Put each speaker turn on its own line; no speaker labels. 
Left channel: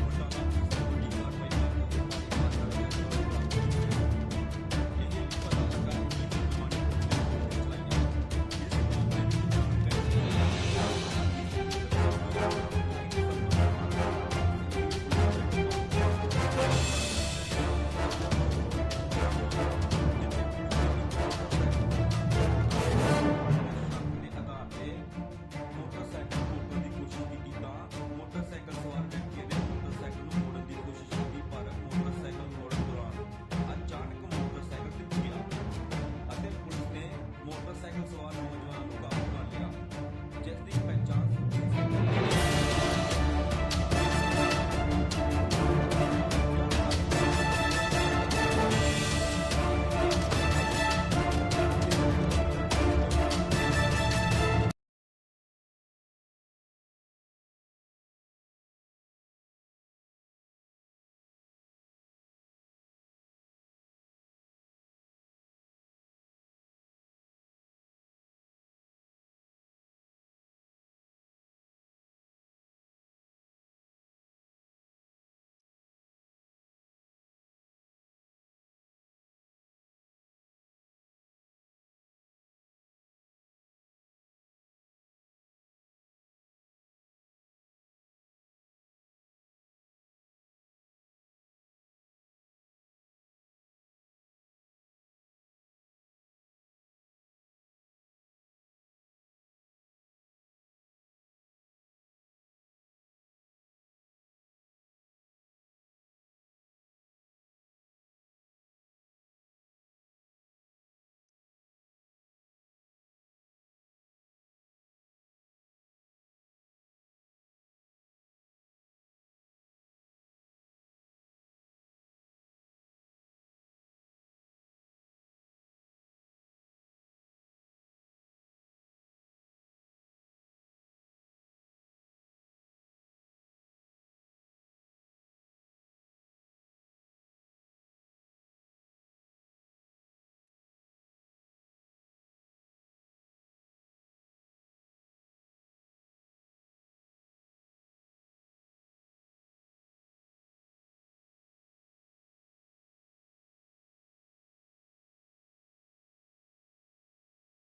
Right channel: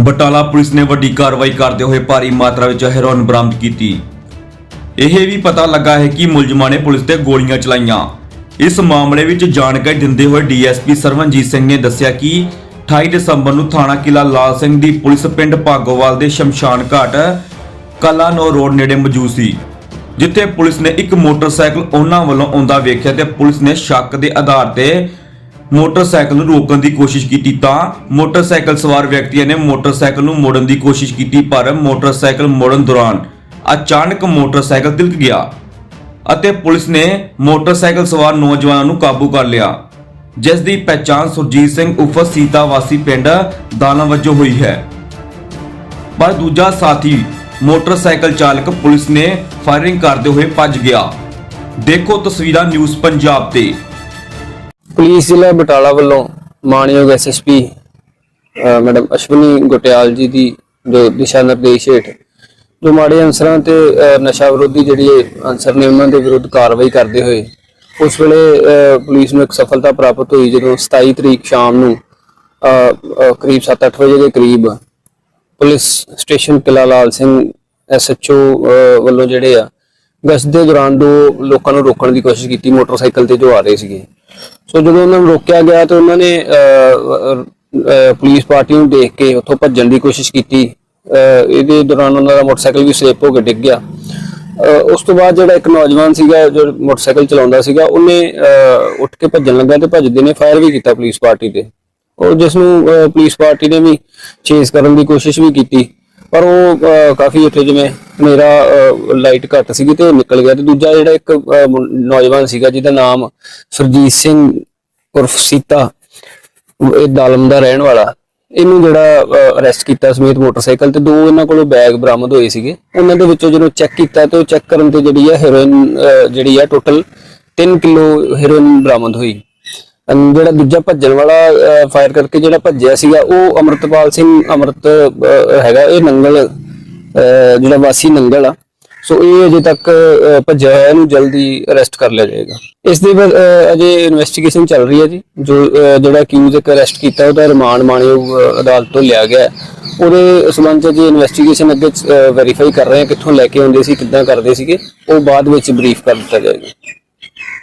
Batala police ਨੇ ਵੱਡੀ ਕਾਰਵਾਈ ਕਰਦੇ ਹੋਏ ਭਾਰੀ ਮਾਤਰਾ ਵਿੱਚ ਹੈਰੋਇਨ ਬਰਾਮਦ ਕੀਤੀ। ਇਹ ਵੀ ਪਤਾ ਲੱਗਾ ਹੈ ਕਿ ਮੁਲਜ਼ਮਾਂ ਨੇ ਪੁਲਿਸ ਤੇ ਗੋਲੀਆਂ ਚਲਾਈਆਂ। ਇਸ ਮਾਮਲੇ ਵਿੱਚ ਜਾਣਕਾਰੀ ਦਿੰਦੇ ਹੋਏ ਡੀਐਸਪੀ ਸਰਵਨਜੀਤ ਸਿੰਘ ਨੇ ਦੱਸਿਆ ਕਿ 28 ਦਸੰਬਰ ਨੂੰ ਥਾਣਾ ਕਿਲਾ ਲਾਲ ਸਿੰਘ ਦੀ ਪੁਲਿਸ ਪਿੰਡ ਭਾਗੋਵਾਲ ਦੇ ਸ਼ਮਸ਼ਾਨ ਘਾਟ, ਕਲਾਨੋ ਰੋਡ ਨੇੜੇ ਮੌਜੂਦ ਸੀ, ਜਿੱਥੇ ਪੁਲਿਸ ਨੇ ਇੱਕ ਮੋਟਰਸਾਈਕਲ ਉਹਨਾਂ ਵੱਲੋਂ ਆਉਂਦਾ ਵੇਖਿਆ ਤੇ ਪੁਲਿਸ ਨੇ ਸ਼ੱਕ ਦੇ ਆਧਾਰ ਤੇ ਮੋਟਰਸਾਈਕਲ ਨੂੰ ਰੋਕਣ ਦੀ ਕੋਸ਼ਿਸ਼ ਕੀਤੀ ਤਾਂ ਮੋਟਰਸਾਈਕਲ ਸਵਾਰ ਵਿਅਕਤੀਆਂ ਨੇ ਮੋਟਰਸਾਈਕਲ ਨੂੰ ਮੋੜਨ ਦੀ ਕੋਸ਼ਿਸ਼ ਕੀਤੀ, ਪਰ ਮੋਟਰਸਾਈਕਲ ਮੋੜਨ ਦੌਰਾਨ ਅਚਾਨਕ ਮੋਟਰਸਾਈਕਲ ਤਿਲਕ ਗਿਆ ਅਤੇ ਪੁਲਿਸ ਨੇ ਮੋਟਰਸਾਈਕਲ ਸਵਾਰ ਨੌਜਵਾਨਾਂ ਨੂੰ ਕਾਬੂ ਕਰ ਲਿਆ। ਜਿਸ ਦੀ ਪਛਾਣ ਸੁਰਜੀਤ ਸਿੰਘ ਉਫ ਸੀਤਾ ਵਾਸੀ ਪਿੰਡ ਦਾਣਾ ਵਜੋਂ ਹੋਈ ਹੈ। ਪਰ ਦੂਜਾ ਸਾਥੀ, ਮੋਟਰਸਾਈਕਲ ਚਾਲਕ ਪੁਲਿਸ ਨੇ ਫਾਇਰਿੰਗ ਕਰਦੇ ਹੋਏ ਭੱਜ ਗਿਆ। ਦੇਖੋ ਤਸਵੀਰਾਂ ਨਿਊਜ਼ ਪੰਜਾਬ ਤੇ।
ਪੁਲਿਸ ਜ਼ਿਲ੍ਹਾ ਬਟਾਲਾ ਵੱਲੋਂ ਮਾਨਯੋਗ ਐਸਐਸਪੀ ਮੈਡਮ ਅਸ਼ਵਨੀ ਗੁਟਿਆਲ ਜੀ ਦੀ ਜੋ ਦਿਸ਼ਾ ਨਿਰਦੇਸ਼ ਹੇਠ ਜੋ ਮਾੜੇ ਅਨਸਰਾਂ ਤੇ ਨਸ਼ਾ ਵਿਰੋਧੀ ਜਿਹੜੀ ਅਨਸਰ ਨੇ ਉਹਨਾਂ ਦੇ ਵਿਰੁੱਧ ਕਾਰਵਾਈ ਕਰਦੇ ਹੋਏ, ਉਸ ਵੇਲੇ ਪੁਲਿਸ ਨੂੰ ਇੱਕ ਸਫਲਤਾ ਪ੍ਰਾਪਤ ਹੋਈ ਜਦੋਂ 27 ਤਰੀਕ ਸ਼ਾਮ ਨੂੰ ਕਰੀਬ 7-8 ਵਜੇ ਦੇ ਕਰੀਬ ਪੁਲਿਸ ਸਟੇਸ਼ਨ ਕਿਲਾ ਲਾਲ ਸਿੰਘ ਐਸਐਚਓ ਵੱਲੋਂ ਜਿਹੜੇ ਆ ਗਸ਼ਤ ਦੇ ਦੌਰਾਨ ਦੋ ਲੋਕਾਂ ਨੂੰ ਰੋਕਣ ਦੀ ਕੋਸ਼ਿਸ਼ ਕੀਤੀ, ਮੋਟਰਸਾਈਕਲ ਤੇ ਜੋ ਆ ਰਹੇ ਸੀਗੇ। ਸੋ ਜਦੋਂ ਉਹਨਾਂ ਨੂੰ ਰੋਕਿਆ ਗਿਆ ਤਾਂ ਉਹਨਾਂ ਨੇ ਪੁਲਿਸ ਪਾਰਟੀ ਨੂੰ ਦੇਖ ਕੇ ਉੱਥੋਂ ਭੱਜਣ ਦੀ ਕੋਸ਼ਿਸ਼ ਕੀਤੀ। ਇਹਦੇ ਦੌਰਾਨ ਉਹਨਾਂ ਦਾ ਮੋਟਰਸਾਈਕਲ ਵੀ ਸਲਿੱਪ ਹੋ ਕੇ ਡਿੱਗ ਗਿਆ। ਉਸ ਤੋਂ ਬਾਅਦ ਜਿਹੜਾ ਇੱਕ ਨੌਜਵਾਨ ਸੀਗਾ, ਜੋ ਮੋਟਰਸਾਈਕਲ ਚਲਾਉਂਦਾ ਸੀਗਾ, ਉਹਨੇ ਉੱਠ ਕੇ ਭੱਜਣ ਲੱਗਾ ਤੇ ਭੱਜਦੇ ਨੇ, ਫਾਇਰ ਵੀ ਕੀਤਾ ਪੁਲਿਸ ਪਾਰਟੀ ਤੇ। ਉਹ ਜਿਸ ਨੂੰ ਪੁਲਿਸ ਪਾਰਟੀ ਨੇ ਵੀ ਚੇਸ ਕਰਨ ਦੀ ਕੋਸ਼ਿਸ਼ ਵੀ ਕੀਤੀ। ਪਰ ਉਹ ਅਹ, ਕਾਫੀ ਉੱਥੇ ਜਿਵੇਂ ਹਨੇਰਾ ਲਾਈਟ ਘੱਟ ਸੀਗੀ ਤੇ ਉਹ ਨਿਕਲ ਗਿਆ ਤੇ ਦੂਜਾ ਜਿਹੜਾ ਇੱਕ ਅਹ, ਮੁੰ- ਨੌਜਵਾਨ ਸੀਗਾ ਜਿਹਦਾ ਨਾਮ ਸੁਰਜੀਤ ਸਿੰਘ ਉਰਫ ਸੀਤਾ ਇਹ ਦਾਲਮ ਦਾ ਰਹਿਣ ਵਾਲਾ। ਇਹਨੂੰ ਜਿਹੜਾ ਅਰੈਸਟ ਕੀਤਾ ਸਮੇਤ ਮੋਟਰਸਾਈਕਲ ਤੇ ਦੋ ਇਹਨਾਂ ਕੋਲੋਂ ਬੈਗ ਬਰਾਮਦ ਹੋਏ ਸੀਗੇ। ਉਹਨਾਂ ਦੇ ਵਿੱਚੋਂ ਜਦੋਂ ਚੈੱਕ ਕੀਤਾ ਤੇ ਉਹ ਚੈੱਕ ਕਰਨ ਤੇ ਜਿਹੜੀ ਆ ਹੈਰੋਇਨ ਜਿਹੜੀ ਆ ਟੋਟਲ 3 ਕਿਲੋ ਹੈਰੋਇਨ ਬਰਾਮਦ ਹੋਈ। ਅਨ ਜਿਹੜਾ ਦੂਜਾ ਭੱਜਣ ਵਾਲਾ ਫਾਇਰ ਕਰਕੇ ਜਿਹੜਾ ਭੱਜਿਆ ਸੀਗਾ ਉਹ ਅਮਰਤਪਾਲ ਸਿੰਘ ਅਮਰਤ ਅਹ, ਹੈਗਾ ਇਹ ਨੰਗਲ ਅਹ, ਜਿਹੜਾ ਵਾਸੀ ਨੰਗਲ ਆ। ਸੋ ਇਹ ਅਜੇ ਤੱਕ ਅਹ, ਭੱਜਿਆ ਹੋਇਆ ਇਹਨੂੰ ਜਲਦੀ ਅਰੈਸਟ ਕਰ ਲਿਆ ਜਾਏਗਾ। ਇਸ ਦੇ ਬਾਅਦ ਅਹ, ਅਜੇ ਇਨਵੈਸਟੀਗੇਸ਼ਨ ਚੱਲ ਰਹੀ ਹੈ ਜੀ। ਜੋ ਅਹ, ਜਿਹੜਾ ਅਕਿਊਜ਼ ਇੱਕ ਅਰੈਸਟ ਕੀਤਾ ਉਹਦਾ ਰਿਮਾਂਡ ਮਾਣਯੋਗ ਅਹ, ਅਦਾਲਤ ਤੋਂ ਲਿਆ ਗਿਆ ਹੈ। ਉਹਦੇ ਸਬੰਧ ਚ ਜੀ ਇਨਵੈਸਟੀਗੇਸ਼ਨ ਅੱਗੇ ਵੈਰੀਫਾਈ ਕਰ ਰਹੇ ਹਾਂ ਕਿੱਥੋਂ ਲੈ ਕੇ ਆਉਂਦੇ ਸੀ ਕਿੱਦਾਂ ਕਰਦੇ ਸੀਗੇ। ਉਹ ਬਾਅਦ ਵਿੱਚ ਬਰੀਫ ਕਰ ਦਿੱਤਾ ਜਾਏਗਾ।